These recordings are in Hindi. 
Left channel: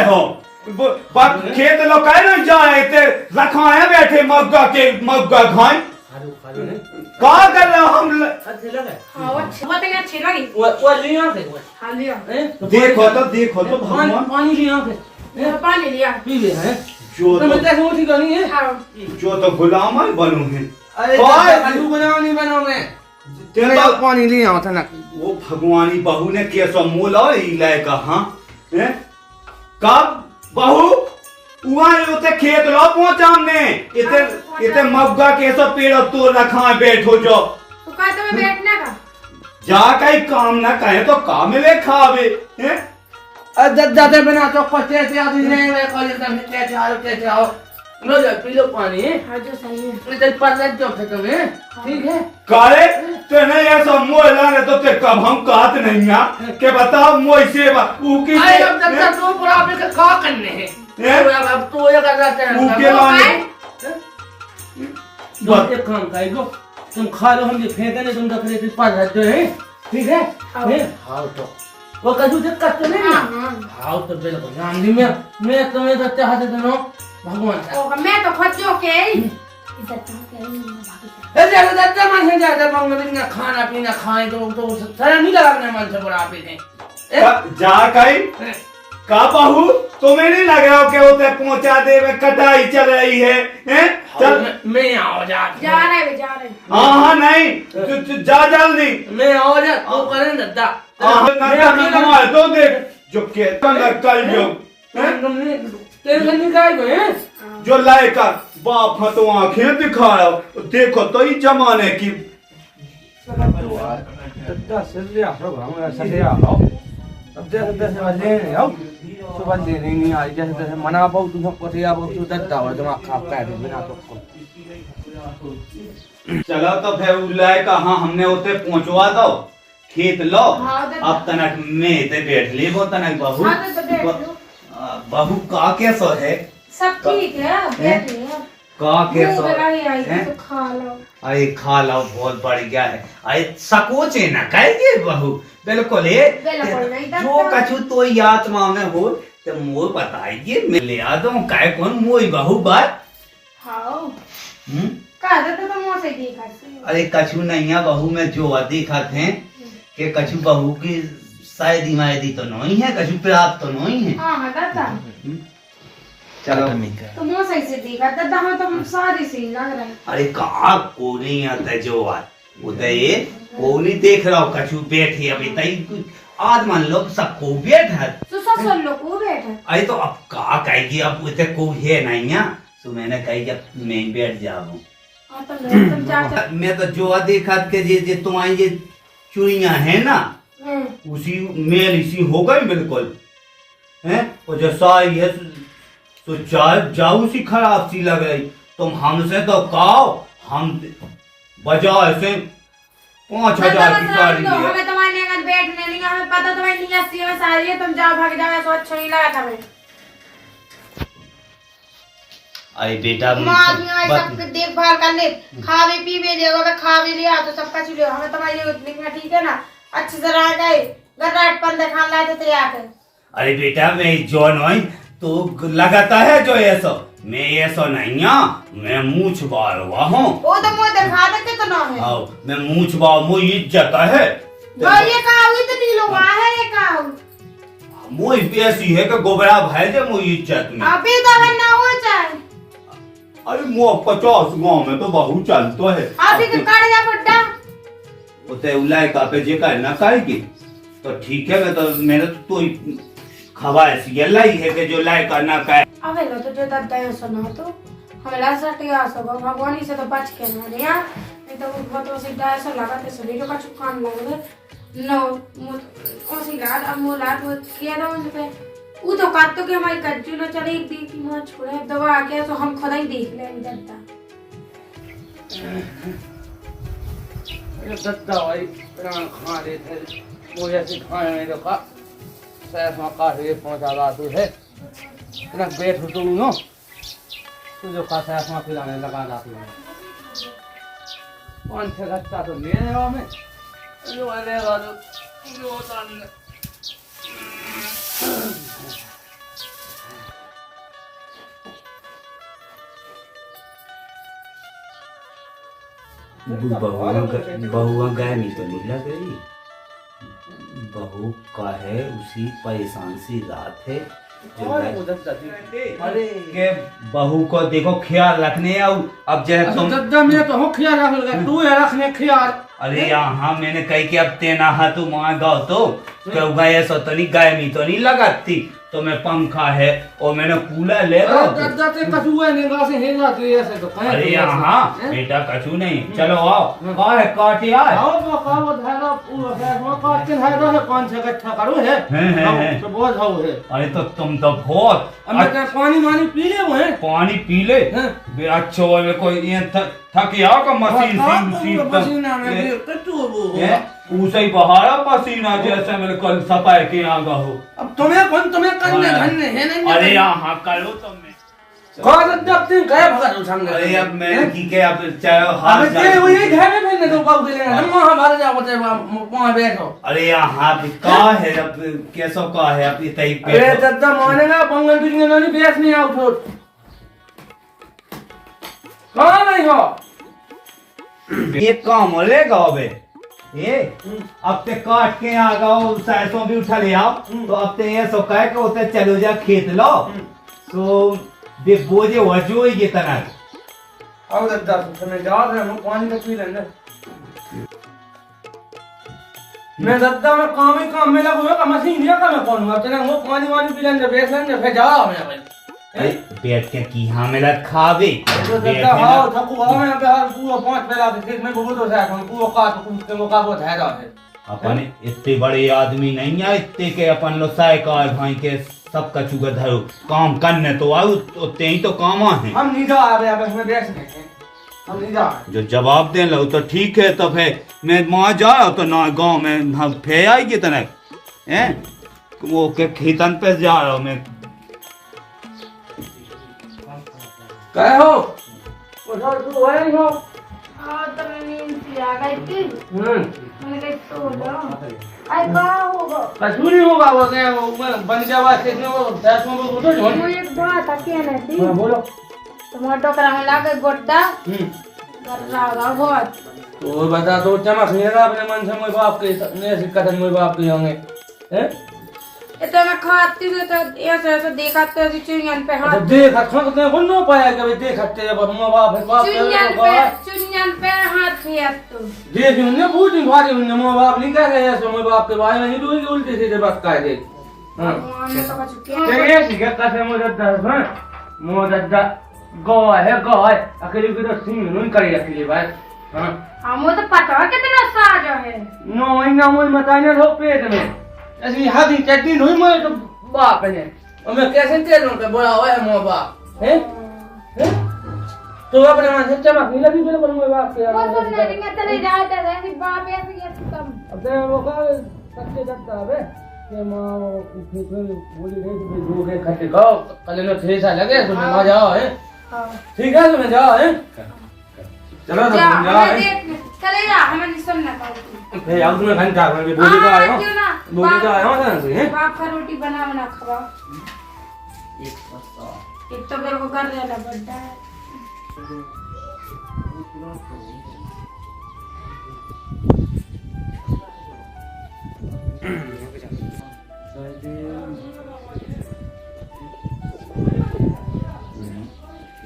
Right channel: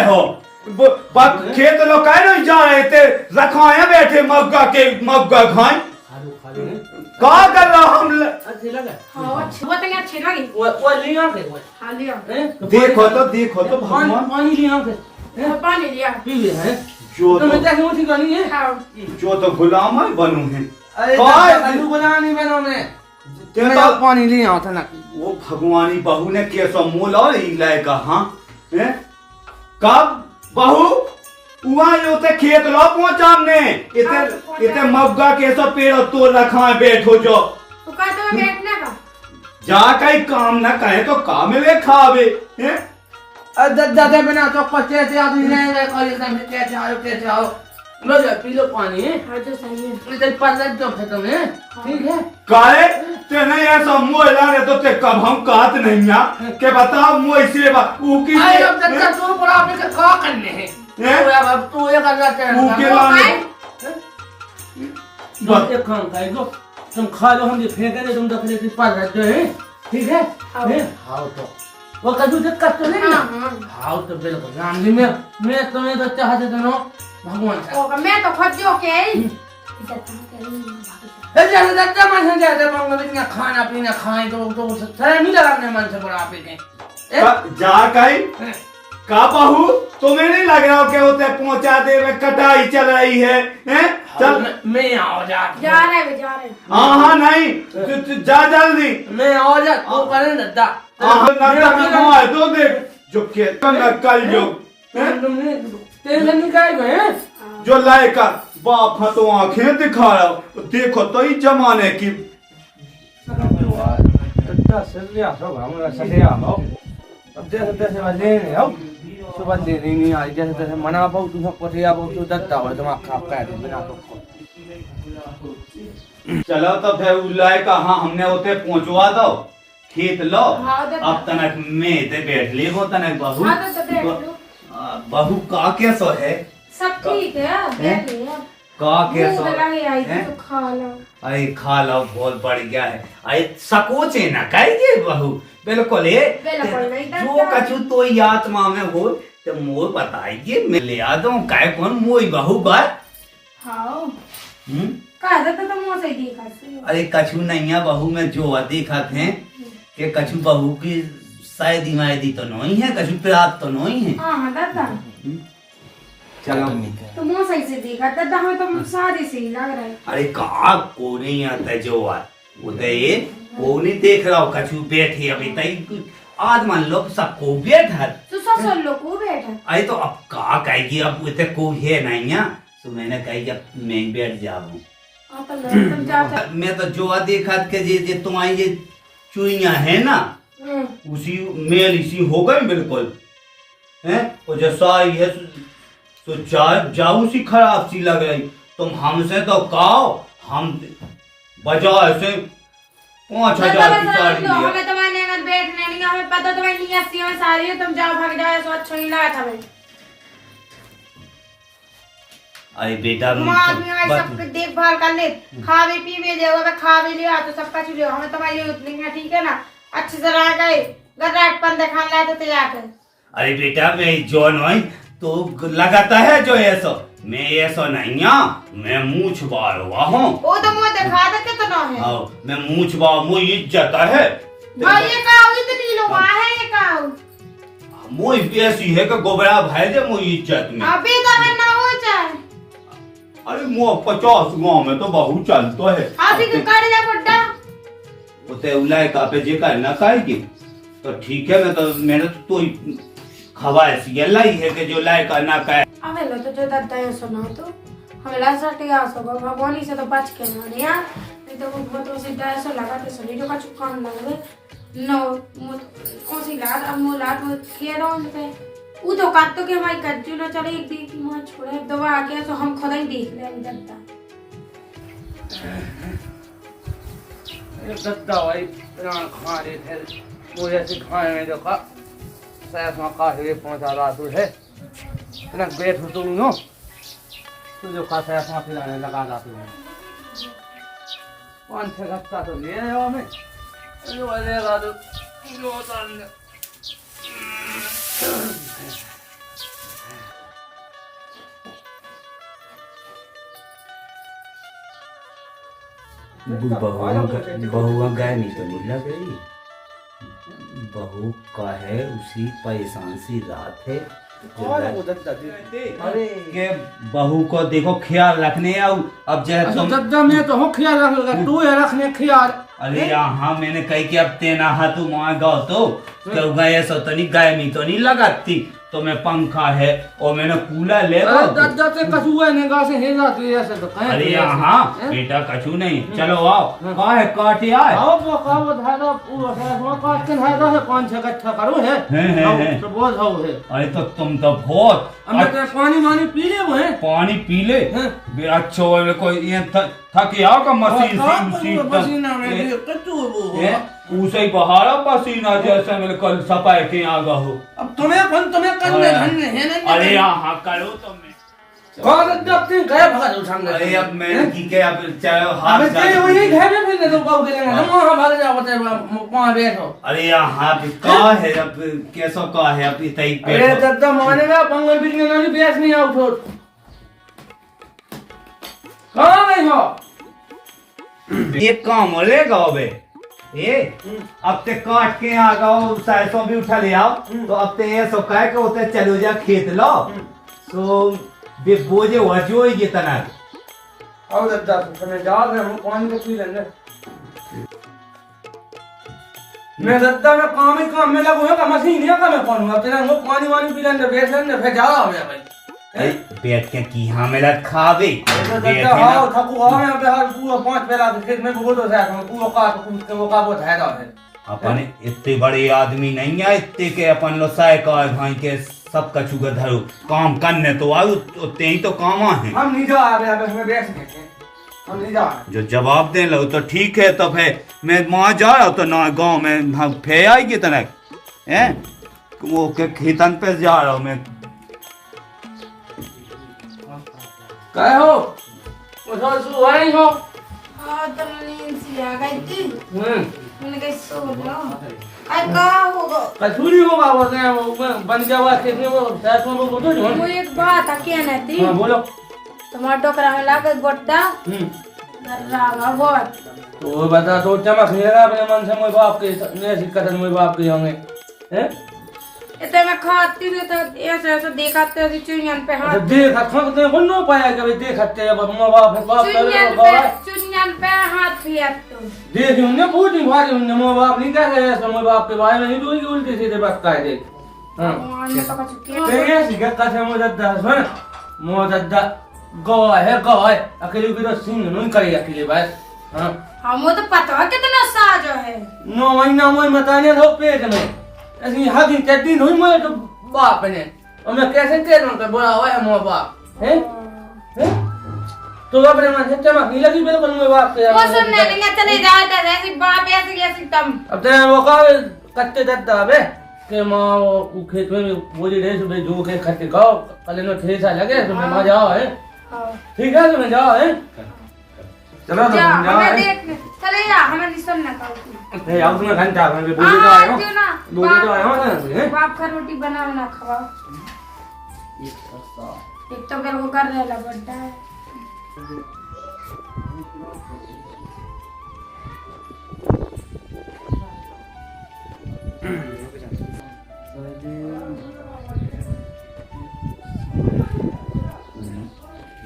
गए हो खेत लोग कह रहे जा रहे थे रखाया बैठे मग्गा खाए का कर रहा हम अच्छे लगे हाँ बहुत अच्छी लगी वो लिया के वो हाँ लिया देखो तो भगवान पानी लिया के पानी लिया पी ले है जो तो मैं क्या उठी करनी है हाँ जो तो गुलाम है बनू है अरे आलू बना नहीं बना मैं तो पानी लिया था ना वो भगवानी बहू ने कैसा मोला इलाय का हाँ कब बहू वहाँ होते खेत लो पहुंचा हमने इतने मग्गा कैसा पेड़ तो रखा है बैठो जो तो कहते हैं बैठने का जा कहीं काम ना कहे तो काम ले खावे हैं दादा बिना तो पचे से आदमी नहीं वे कॉलेज में कैसे आओ लो पी लो पानी हाँ जो सही है इधर पर जो खत्म है ठीक है काले ते नहीं ऐसा मोह लाने तो ते कब हम काट नहीं आ के बताओ मोह से ऊकी अरे अब दादा तो पर आपने क्या करने हैं अब तो ये कर रहा है ऊके लाने बस एक काम करो तुम खा लो हम ये फेंकने तुम रख लेते पास रहते हैं ठीक है हाँ तो वो कद्दू दिक्कत तो नहीं ना हाँ तो बिल्कुल जानली मैं तुम्हें तो चाहते दोनों भगवान ओगा मैं तो खुद जो के ऐसे दादा मन से जाते मंगल दिन खाना पीना खाए तो सारा नहीं लगा अपने मन से बड़ा आप ही जा कहीं का बहू तुम्हें नहीं लग रहा क्या होते पहुंचा दे कटाई चल रही है हैं चल मैं आओ जा रहे हाँ नहीं जा जल्दी मैं आओ जा तू करे दादा तो देख जो के कल जो टेंशन नहीं काय गए जो लायका बाप तो आंखें दिखा रहा देखो तो ही जमाने की अब जैसे तैसे मैं लेने आओ सुबह लेने नहीं आई जैसे तैसे मना पाऊँ तुम सबको से आप तो दत्ता हो तुम आपका पैर बिना तो चलो तो फिर लाए का हाँ हमने उसे पहुंचवा दो खेत लो अब तनक में ते बैठ ले वो तनक बहू का कैसा है सब ठीक है बैठ रहे हैं का कैसा है तो खा लो अरे खा लो बहुत बढ़िया है अरे सकोचे ना कहिए बहू बिल्कुल जो कछु तो आत्मा में हो तो मोर बताइए मैं ले आ दूं काय कौन मोई बहू बात हाँ कहा था तो मोर से देखा अरे कछु नहीं है बहू में जो देखा थे कि कछु बहू की शायदी मायदी तो नहीं है कछु प्राप्त तो नहीं है हाँ दादा चलो तो मोर सही से देखा दादा हमें तो सारी से लग रहा है अरे कहा को नहीं आता जो उदय को नहीं देख रहा हो कछु बैठे अभी तई आज मान लो सबको बैठा तो सब लोग को बैठा अरे तो अब कहा कहेगी अब इतने को है नहीं है तो मैंने कही जब मैं बैठ जाऊं मैं तो जो देखा के जे तुम्हारी ये चुईया है ना उसी मेल इसी हो गई बिल्कुल हैं और जैसा ये तो जाऊ सी खराब सी लग रही तुम हमसे तो कहो हम बजाय से 5,000 की साड़ी लिया हमें तुम्हारे नियत बैठने नहीं हमें पता तुम्हारी नियत सी है सारी है तुम जाओ भाग जाओ तो अच्छा ही लगा था भाई अरे बेटा सब देखभाल कर ले खावे पीवे देगा मैं खावे लिया तो सबका चुले हमें तुम्हारी उतनी में ठीक है ना अच्छे से रह गए गराट पंदे खान लाए तो तैयार कर अरे बेटा मैं जो नहीं तो लगाता है जो ऐसा मैं ऐसा नहीं हूँ मैं मुँह छुपा रहा हूँ वो तो मुँह दिखा देते तो ना है मैं मुँह छुपा मुँह इज्जत है ये कहा इतनी लोग है ये कहा मुँह ऐसी है कि गोबरा भाई दे मुँह इज्जत में अभी तो है ना हो जाए अरे मुँह 50 गाँव में तो बहुत चलता है अभी तो कट जा बुड्ढा उते उलाय का पे जे कर ना कहेगी तो ठीक है मैं तो मेरे तो खबर ऐसी लाई है कि जो लाय का ना कहे अबे लो तो जो दादा ये सुना तो हमें लास्ट टिया सब भगवान से तो बच के ना नहीं यार नहीं तो वो बहुत से डाय से लगा के सभी जो का चुकान लगे नो ओसी लाल अब मो लाल वो किया ना उनसे वो तो काट तो के हमारी कच्ची ना चले एक दिन की मां छोड़े दवा आ गया तो हम खुद ही देख ले दादा ये दादा भाई प्राण खा रहे थे मुझे सिखाने में देखा सैफ में काहे पहुंचा रहा तू है इतना बैठ तू नो तू जो का सैफ में फिराने लगा रहा तू 5-6 घंटा तो ले रहा मैं जो लेगा तो जो बहुआ गए नहीं तो नहीं लग रही। बहू का है उसी परेशान सी रात है। अरे के बहू को देखो ख्याल रखने अब जैसे तुम दद्दा मैं तो हूँ ख्याल रखेगा तू है रखने ख्याल। अरे यहाँ मैंने कही कि अब तेना हाथ माँ गाओ तो क्यों गए सो तो नहीं गाय में तो नहीं लगाती तो मैं पंखा है और मैंने कूलर ले रहा दद्दा ते कछुआ ने गा से हे जात ऐसे तो कहे। अरे यहाँ बेटा कछु नहीं चलो आओ कहाँ है काट यार आओ तो का धारा पूरा है वो काट के धारा है कौन से इकट्ठा करो है तो बोल हो है। अरे तो तुम तो बहुत अब मैं पानी वानी पी ले वो है पानी पी ले अच्छा वाले कोई ये थक आओ का मशीन उसे ही बहारा पसीना जैसे मैंने कल सफाई के यहाँ हो। अब तुम्हें करने धन्य है नहीं। अरे यहाँ करो तुम गए भगा जो संग। अरे अब मैं की के अब चाहे हाथ जाए वही घर में फिरने तो बाबू के हम वहां भाग जाओ वहां बैठो। अरे यहाँ पे का है अब कैसो का है अब इतनी पे अरे दद्दा मानेगा पंगल बिजने नहीं बेच नहीं आओ छोड़ कहां नहीं हो ये काम लेगा अबे ये अब ते काट के आ गओ सरसों भी उठा ले आओ तो अब ते ये सो कह के उते चलो जा खेत लो तो बे बोझे वजो ये तना आओ दद्दा तुम्हें जाओ हम पानी में पी लेंगे। मैं दद्दा में काम में लगो है मशीन है का मैं कौन अब तेरा वो पानी वानी पी लेंगे बेच लेंगे फिर जाओ मैं भाई बैठ के की हां में लग खावे दद्दा आओ थकू आओ मैं पे पूरा पांच बेला खेत में बोलो है हम को का तो वो का वो है अपन इतने बड़े आदमी नहीं है इतने के अपन लो साइकिल भाई के सब का चुगर धरो काम करने तो आओ उतने ही तो काम है। हम नहीं जा रहे अब इसमें बैठ सकते हम नहीं जा जो जवाब दे लो तो ठीक है तो फिर मैं वहां जा रहा तो ना गांव में हम फे आएगी तना हैं वो के खेतन पे जा रहा हूं मैं काय हो वो थोड़ा सो है हो तो नींद सी आ गई थी मैंने कहा सो जाओ अरे का होगा कसूरी होगा वो बन जावा खेत में वो साथ में वो तो वो एक बात आके ना थी हां बोलो टमाटो करा में लाके गोटा गर्रा बहुत तो बता तो चमक लेगा अपने मन से मोय बाप के ने सिकतन मोय बाप के होंगे हैं इतना मैं खाती हूँ तो ऐसे देखा तो चुनियन पे हाथ देख खंगते बन्नो पाया के देखते जब मां बाप है बाप चुनियन पे हाथ फेर तो देख उन्हें पूछ नहीं भागे उन्हें मां बाप नहीं कह रहे ऐसे मां बाप के बारे में नहीं दोई उल्टी सीधे बात कह दे हां तो ये सिका कैसे मुदद्दा सुन मुदद्दा गाय अकेले की तो सिंह नहीं करेगा अकेले बस हां हमो तो पता कितना साजा है 9 महीना मोय मताने तो पेट में ऐसी हाथी चट्टी नहीं मैं तो बाप ने और मैं कैसे कह रहा हूं बोला हुआ है मां बाप हैं तो अपने मन से चमक नहीं लगी बिल्कुल मेरे बाप के वो सुनने नहीं चले जाता ऐसे बाप ऐसे दम अब तेरे वो का कट्टे दत्ता बे के मां वो खेत में बोली रे सुबह जो के खट्टे गाओ कल नो ठेसा लगे तो मैं जाओ है ठीक है तो मैं जाओ है चलो तो जाओ है चले जा हमें नहीं सुनना पड़ती ए आओ तुम्हें घंटा में बोली तो आयो बोली तो आयो ना से बाप का रोटी बना खावा एक तो मेरे को कर देला पड़ता है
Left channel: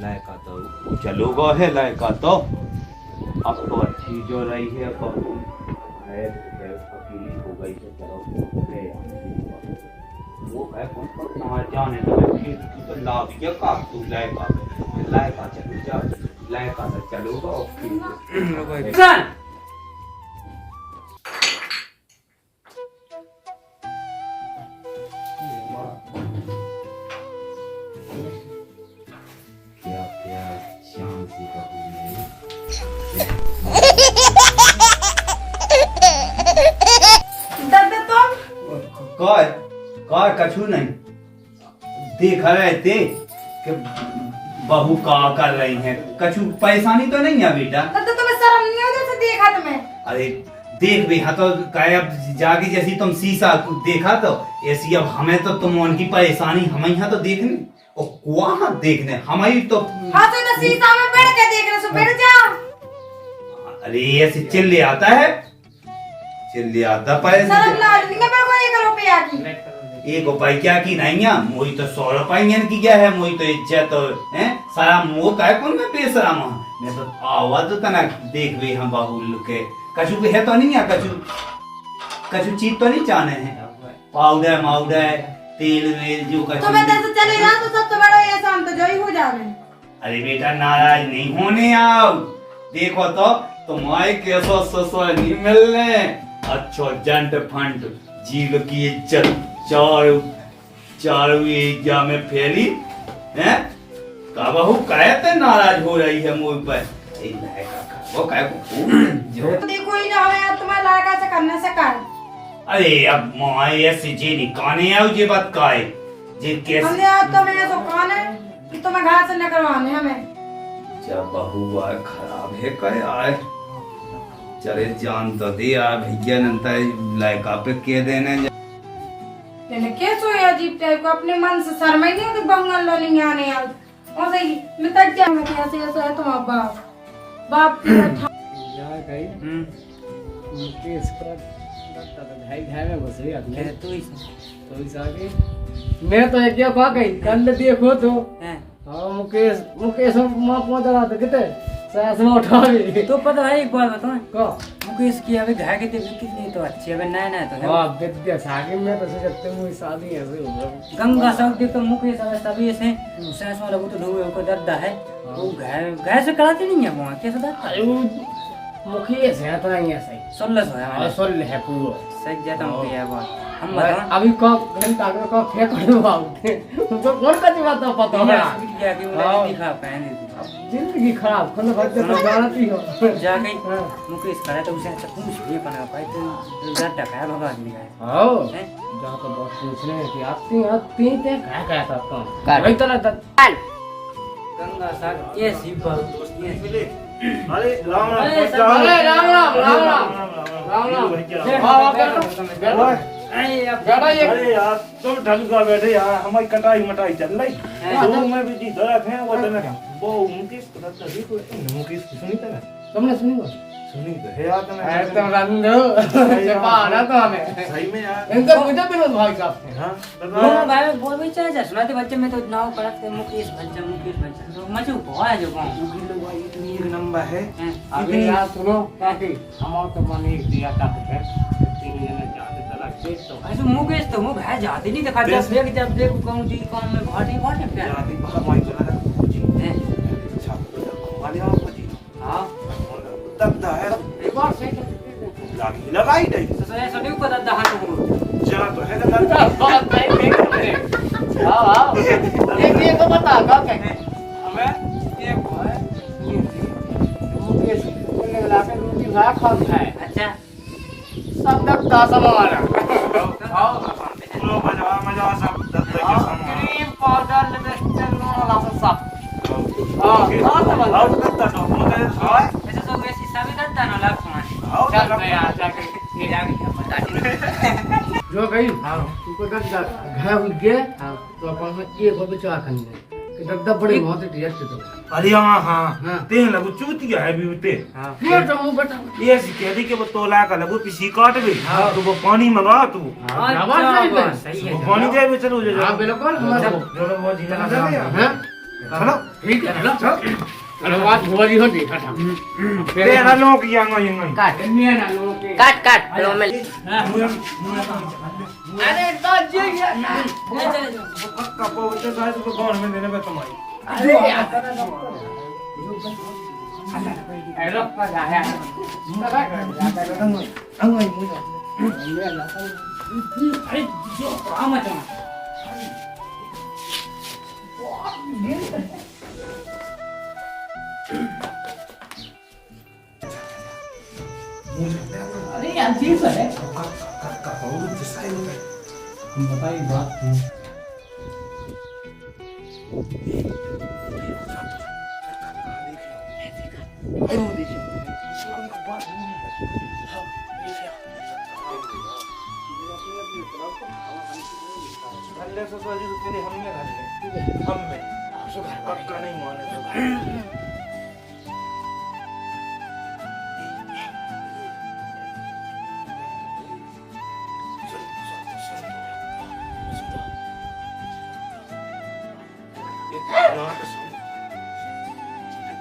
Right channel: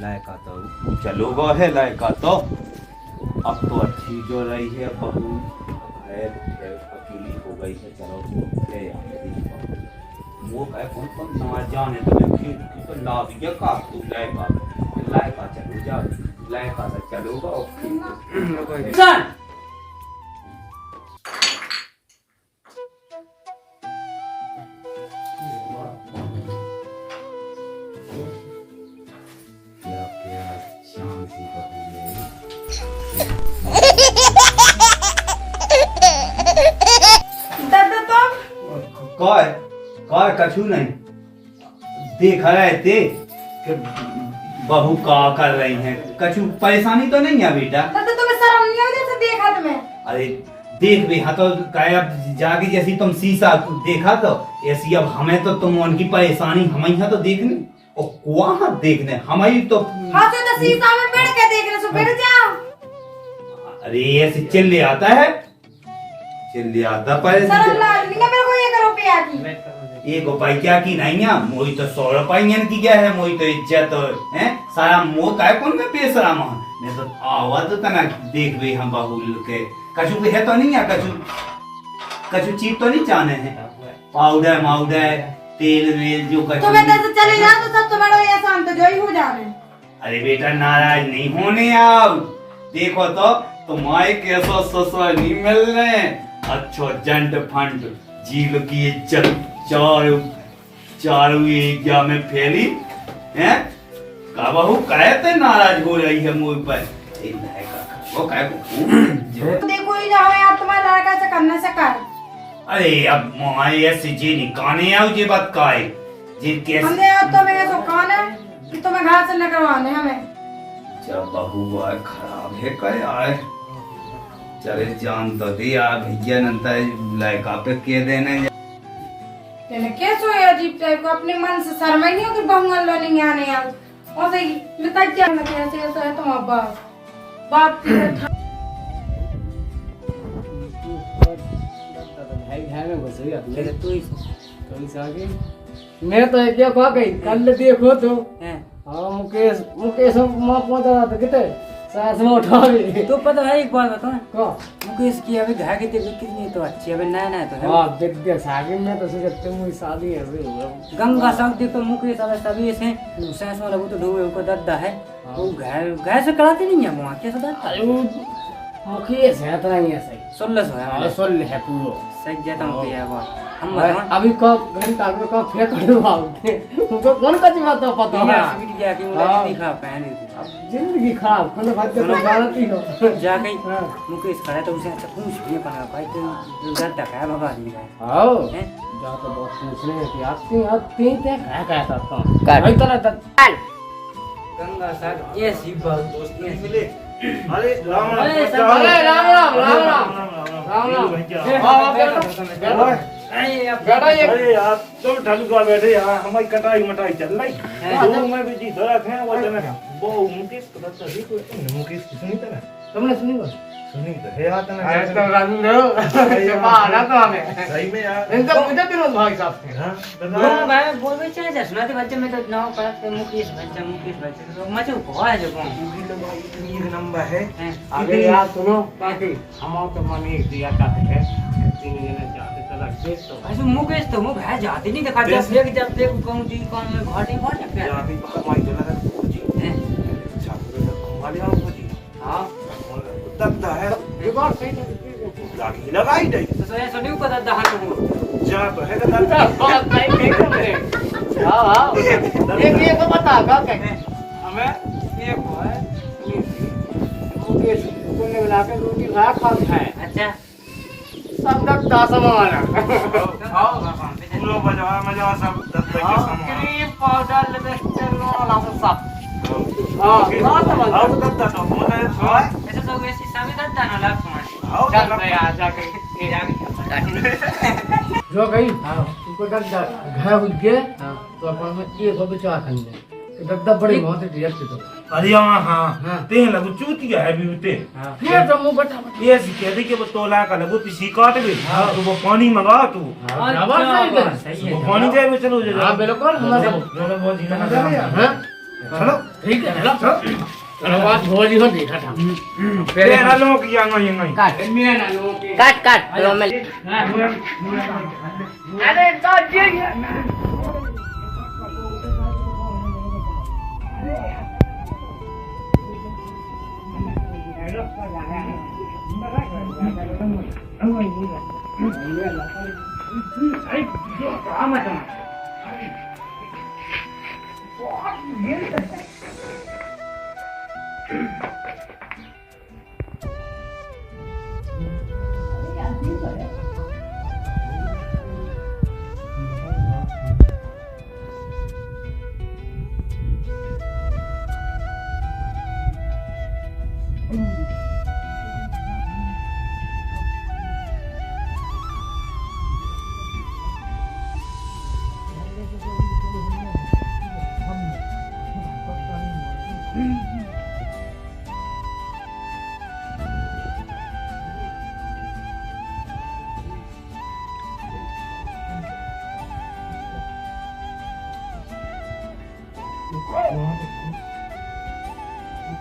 लायका तो चलोगा है लायका तो अब तो अच्छी जो रही है बहू है अकेली हो गई तो चलो ले वो है कौन कौन ना जाने तो खेत की तो ला दिया का तू लायका चलो जा लायका से चलोगा ओके चल काय कछु नहीं देख रहे थे कि बहू का कर रही हैं कछु परेशानी तो नहीं है बेटा तो तुम्हें शर्म नहीं होती जैसे देखा तुम्हें अरे देख भी हाँ तो काय अब जाके जैसी तुम शीशा देखा तो ऐसी अब हमें तो तुम उनकी परेशानी हमें यहाँ तो देखने और वहाँ देखने हमें तो हाँ तो शीशा में बैठ के देख रहे सो बैठ जाओ अरे ऐसे चिल्ले आता है, चिल्ले आता पर शर्म ला नहीं मेरे को 1 रुपया की। एक उपाय क्या की नहीं है मोई तो 100 रुपये की क्या है मोई तो इज्जत है सारा मोह काय कौन में बेसराम मैं तो आवाज तो ना देख रही हम बाबू के कछु भी है तो नहीं है कछु चीज तो नहीं जाने हैं पाउडर माउडर तेल वेल जो कछु तो मैं तो चले जा तो सब तो बड़ा ये शाम तो जो ही हो जावे। अरे बेटा नाराज नहीं होने आओ देखो तो तुम्हारे कैसा ससुर नहीं मिलने अच्छो जंट फंट जीव की इज्जत चारों एरिया में फैली हैं का बहू कहते नाराज हो रही है मुझ पर वो कह जो देखो ही ना हमें आप तुम्हारे लड़का से करने से कर। अरे अब मोबाइल ऐसे जी निकाने आओ जे बात का है जे कैसे हमने आज तो मैं तो कौन है कि तुम्हें घर से न करवाने हमें। जब बहू आए खराब है कहे आए चले जान तो दे आ भैया नंता लायका पे के देने मैंने कैसे है अजीब टाइप को अपने मन से शर्म ही नहीं कि बंगल लॉलिंग आने आओ और सही मैं तक जा मैं कैसे ऐसा है तुम्हारा बाप की बैठा मैं तो क्या कहा गई कल देखो तो हाँ मुकेश माँ पहुंच रहा था कितने सास में उठा भी तो पता है एक बात बताओ को मुकेश की अभी घर की तबीयत कितनी तो अच्छी है अभी नया तो है वाह विद्या सागी में तो सोचते मुझे शादी है अभी होगा गंगा सब देखो मुकेश अगर सभी ऐसे सास वाला वो तो ढूंढे ऊपर दर्द है वो घर से कराते नहीं है वहाँ कैसे दर्द अरे वो मुकेश है तो नहीं है सही 16 है हमारे सोल है पूरो सही जाता हूँ ये बात हम बताओ अभी को घंटा में को फेंक दो उनको कौन का बात तो पता है क्या कि वो दिखा पहने अब जिंदगी खराब खुद भाग तो जानती हो जाके मुकेश खड़ा तो उसे अच्छा पूछ भी पना पाई तो दर्द है भगवान भी है आओ हैं? जा तो बहुत पूछने हैं कि आती ते क्या था का वही तो ना गंगा साहब ये सी बात दोस्त ये मिले अरे राम राम अरे अरे राम राम राम राम राम राम अरे यार तुम ढलका बैठे यार हमारी कटाई मटाई चल रही तो मैं भी दी रख है वो मैं वो मुकेश को तो ही तो मुकेश की सुनी था तुमने सुनी हो सुनी तो है यार अरे तो रंग ये मारा तो हमें सही में यार इनका मुझे भी भाई साहब से हां वो भाई बोल भी चले जा सुनाते बच्चे में तो नाव पड़ा थे मुकेश बच्चे तो मचू को है जो मुकेश तो भाई इतनी एक नंबर है अबे यार सुनो कैसे हम तो माने दिया करते हैं 3 जने जाते चला तो ऐसे मुकेश तो मुंह है जाते नहीं देखा जब देख कहूं दी कौन में घाटी घाटे पे यार अभी हमारी चला है हैं छाप वाले आप जी हां तब है ये बात सही लागी लगाई दे तो ऐसा नहीं पता दहा तो जा तो है ना बात सही नहीं कर रहे हां ये तो बता का कहे हमें ये भाई मुकेश बोलने वाला के रोटी खा खाता है अच्छा सब तक दासा मारा पूरा मजा सब दत्त के सामान क्रीम पाउडर लिपस्टिक वाला सब आओ दत्त तो मुझे हां ऐसे तो वैसे सभी दर्द ना लाग पानी आओ चल दत्त गया जाके ये जाके जो गई हां तुमको दर्द घाय हो गए तो अपन में एक हो बिचा खंडे दर्द बड़ी बहुत रिएक्ट तो अरे हां ते लगू चूतिया है भी उते ये तो मुंह बटा ये कह दी कि वो तोला का लगू पिसी काट गई तो वो पानी मंगा तू सही है वो पानी दे में चलो जा हां बिल्कुल मतलब दोनों बहुत जीना हां चलो ठीक है चलो अरे बात भोजी हो देखा था तेरे ना लोग की यंगा काट में ना लोगों के काट अरे तो जे कपो उते साइड को कौन में देने पे तुम्हारी अरे हेलो का है अरे जो काम है अरे यार चीज है बताइए बात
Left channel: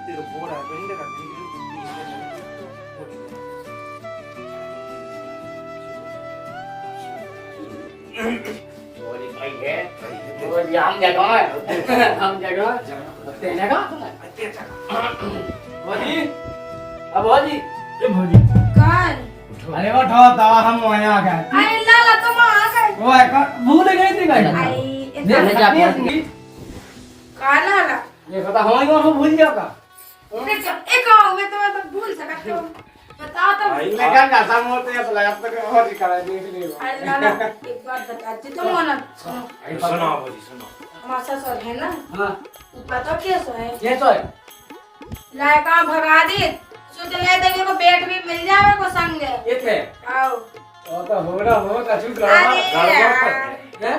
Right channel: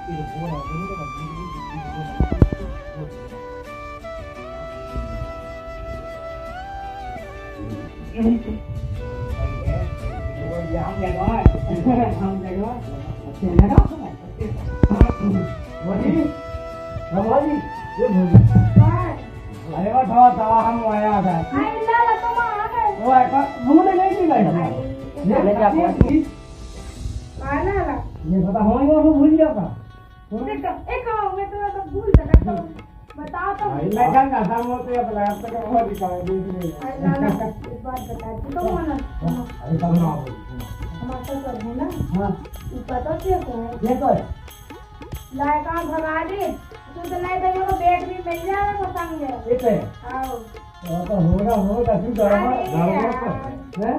तेरे बोरा नहीं लगा हम जगह हम जगह तेने का भौजी हाँ भौजी ये भौजी कौन? अरे वो ठोता हम वहीं आ गए अरे लाला तुम आ गए। वो एक भूल गई थी गाड़ी आई ये कहा लाला? ये पता हमारी को भूल जाता एक आओ मैं तुम्हें तो भूल सकता हूँ। बताओ तो। मैं क्या करता हूँ तो ये पता अब तक बहुत ही करा दी थी अरे लाला एक बात बता जी तुम ना सुनो सुना बोली सुना हमारा ससुर है ना हाँ ऊपर तो कैसे है ये तो है लायका भगा दी सोच ले देंगे को बेट भी मिल जाए को संग ये थे आओ वो तो हो रहा हो कछु करो अरे यार। हैं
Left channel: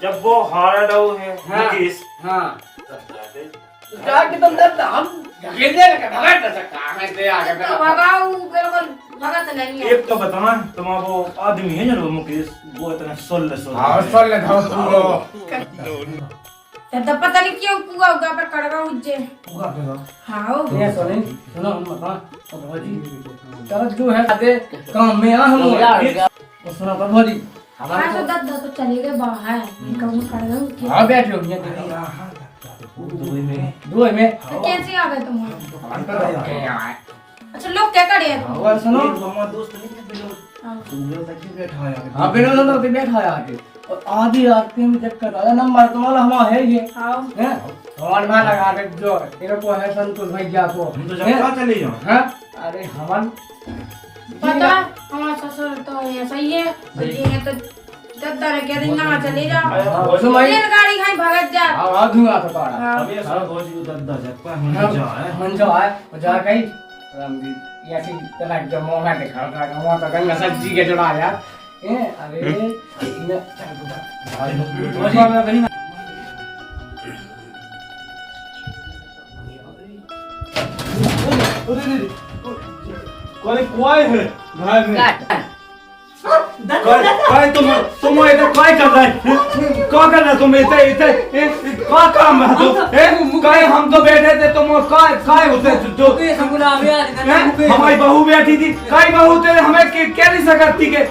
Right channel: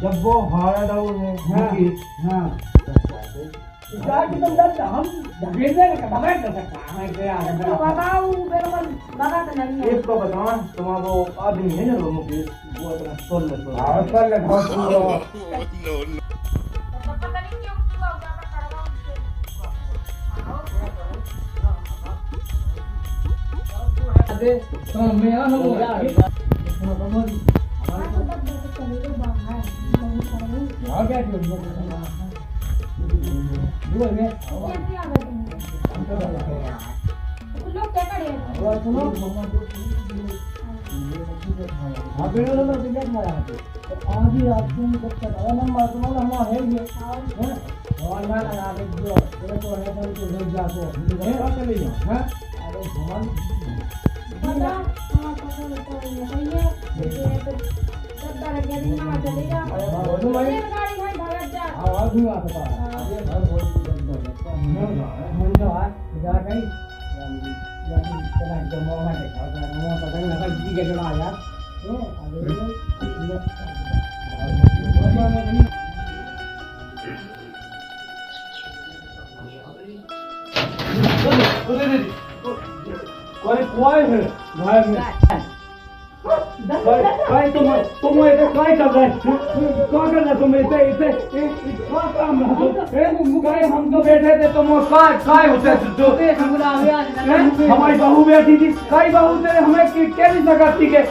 जब वो हारा डाउ है हाँ। मुकेश हाँ क्या कि तुम डरता हम गिर जाएगा भगा नहीं सकता मैं से आगे तो मेरा भगाओ बिल्कुल भगत नहीं है एक तो बताना तुम वो आदमी है ना मुकेश वो इतना सोल हाँ सोल ले धो पूरो तो पता नहीं क्यों पूरा उगा पे कड़गा उज्जे हाँ ये सुनो हम बता चलो तू है आते काम में आ हम सुनो भौजी हाँ तो दस दस तो चले गए बाहर कौन कड़गा उज्जे हाँ बैठो ये दो में कैसे आ गए तुम अंतर है अच्छा लोग क्या करे और सुनो हमारा दोस्त हाँ बिना तो बैठा है आके और आधी रात में चक्कर आया नंबर तुम्हारा हमारा है ये आओ हैं और ना लगा के जो तेरे को है संतोष भैया को हम तो जब कहाँ चले जाओ हैं अरे हमन पता हमारा ससुर तो ऐसा ही है ये तो दद्दा ने कह दी ना चले जाओ सुन भाई गाड़ी खाई भगत जा आ दूंगा तो तारा हाँ। अब ये सारा बहुत ही दर्द है हम जा है मन जो है जा गई राम जी ये ऐसी तना जो मोना के खा रहा है वहां तो गंगा सब्जी के चढ़ा यार ए अरे कोई कोई है भाई में कोई तुम इधर कोई कर रहे क्या करना तुम इधर क्या काम है तो कोई हम तो बैठे थे तुम काय होते तो हमारी बहू बैठी थी कई बहू थे हमें क्या नहीं सकती के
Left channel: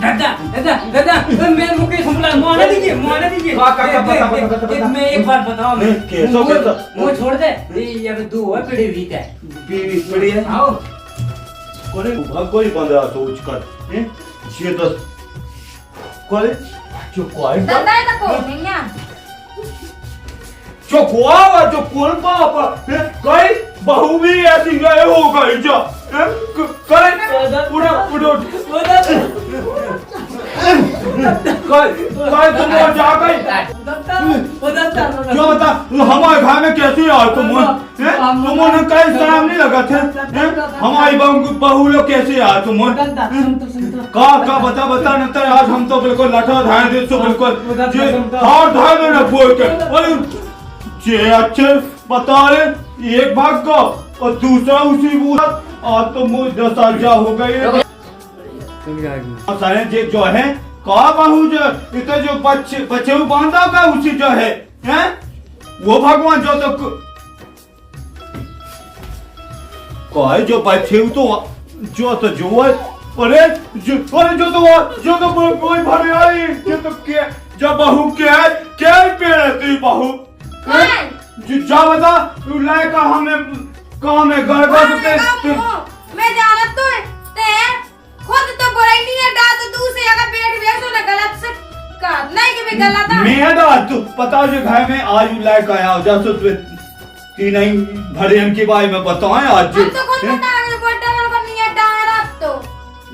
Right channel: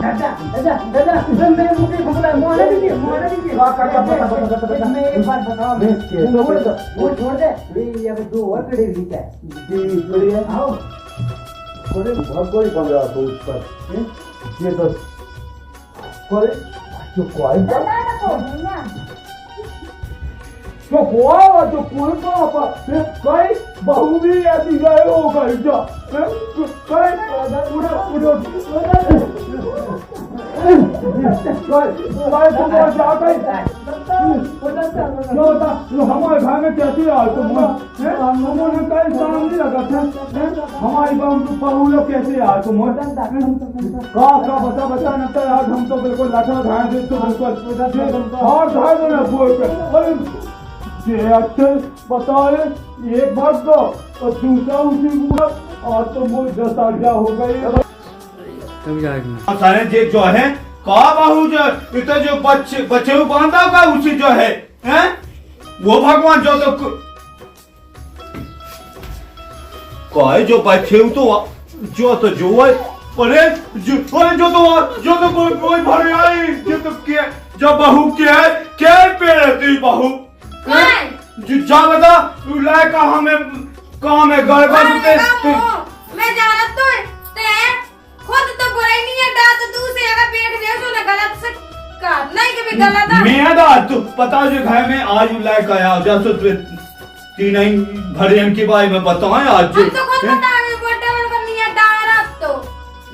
मैं मुकेश बोला माना दीजिए मैं एक बात बताऊं वो छोड़ दे ये दो है पड़ी हुई है बड़ी है आओ कोई बंदा तो उसका ये तो कोई जो कोई दद्दा है तो कौन है यहाँ जो कोआ जो कौन पापा कोई बहू भी ऐसी गए हो गई जो कोई उड़ा कोई तुम जा गई जो बता हमारे घर में कैसे आए तुमने कहीं शर्म नहीं लगा थे हमारी बहू लोग कैसे आए का बता न तो आज हम तो बिल्कुल लठा धाए थे तो बिल्कुल और धाए में न बोल के जे अच्छे बता रहे एक भाग को और दूसरा उसी आज तो मुझे सजा हो गई सारे जे जो है का बाहू जो इतने जो बच्चे बांधा का उसी जो है हैं वो भगवान जो तो कोई जो बच्चे तो जो है अरे जो तो कोई भर आई ये तो क्या जो बहू क्या पे रहती बहू जा बता लायका हमें काम है घर मैं जानत तो ते खुद तो बुराई नहीं है डाल तो दूसरे अगर पेट वेस्ट होने गलत से कर नहीं कि भी गलत है मैं दा तू पता जो घर में आज लायक आया जैसे तू तीन ही भरियन के बारे में बताएं आज हम तो खुद बता रहे बोलते हैं का नहीं है डायरेक्ट तो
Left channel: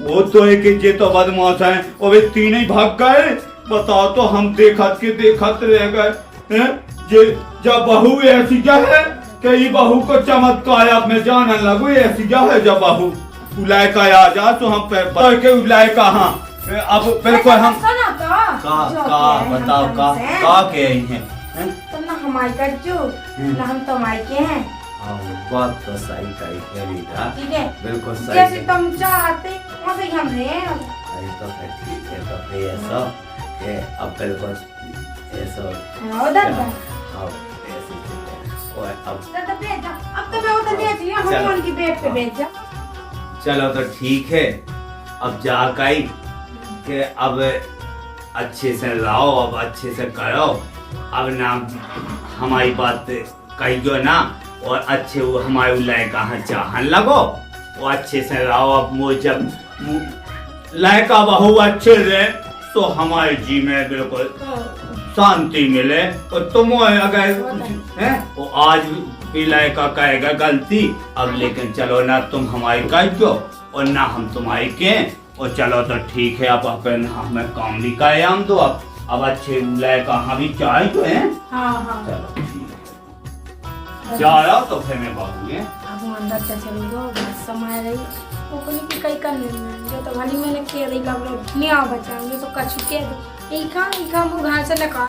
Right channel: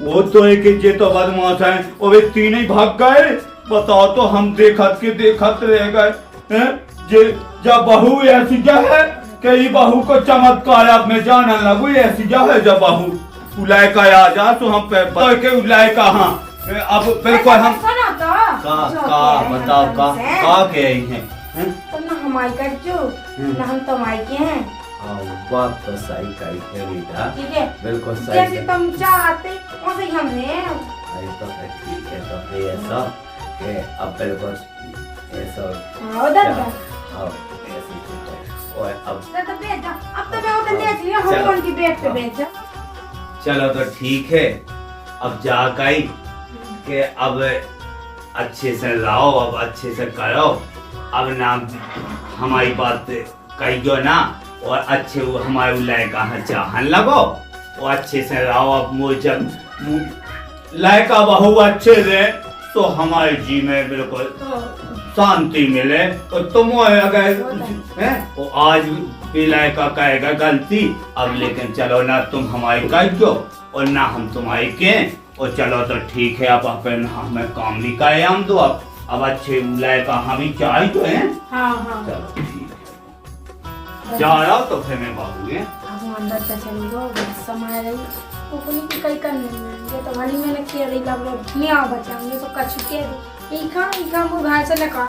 वो तो एक ये तो बदमाश है और वे तीन ही भाग गए बताओ तो हम देखत रह गए हैं जे जब बहू ऐसी क्या है कई बहू को चमत्कार अब मैं जानने लगू ऐसी क्या है जब बहू उलाय का आ जा तो हम के उलाय का हाँ अब बिल्कुल हम सुनो तो का बताओ का के हैं तुम ना हमारी कर जो ना हम तुम्हारी के हैं बात तो सही कही रीटा ठीक है बिल्कुल जैसे सही तुम चाहते वैसे ही हमने अरे तो ठीक है तो ऐसा के अब बिल्कुल ऐसा हाँ दादा हाँ ऐसे ठीक है। और अब दादा बैठ जा अब तो मैं उधर बैठ लिया हम उनकी बेड पे बैठ जा चलो तो ठीक है अब जा कई के अब अच्छे से लाओ अब अच्छे से करो अब ना हमारी बात कहियो ना और अच्छे वो हमारे लायका चाहन लगो वो अच्छे से रहो अब मुझे जब लायका बहू अच्छे रहे तो हमारे जी में बिल्कुल शांति मिले और तुम अगर हैं वो आज भी लायका कहेगा गलती अब लेकिन चलो ना तुम हमारी कहियो और ना हम तुम्हारी के और चलो तो ठीक है अब अपन हमें काम भी करे हम तो अब अच्छे लायका हम भी चाहे तो हैं हाँ हाँ चलो ठीक है जा रहा तो फिर मैं बाबू अब हम अंदर से चली गो समय रही वो कोई की कई करने ये तो भली मैंने किया रही लग रहा मियाँ बचाएंगे तो कछ के एक काम वो घर से लगा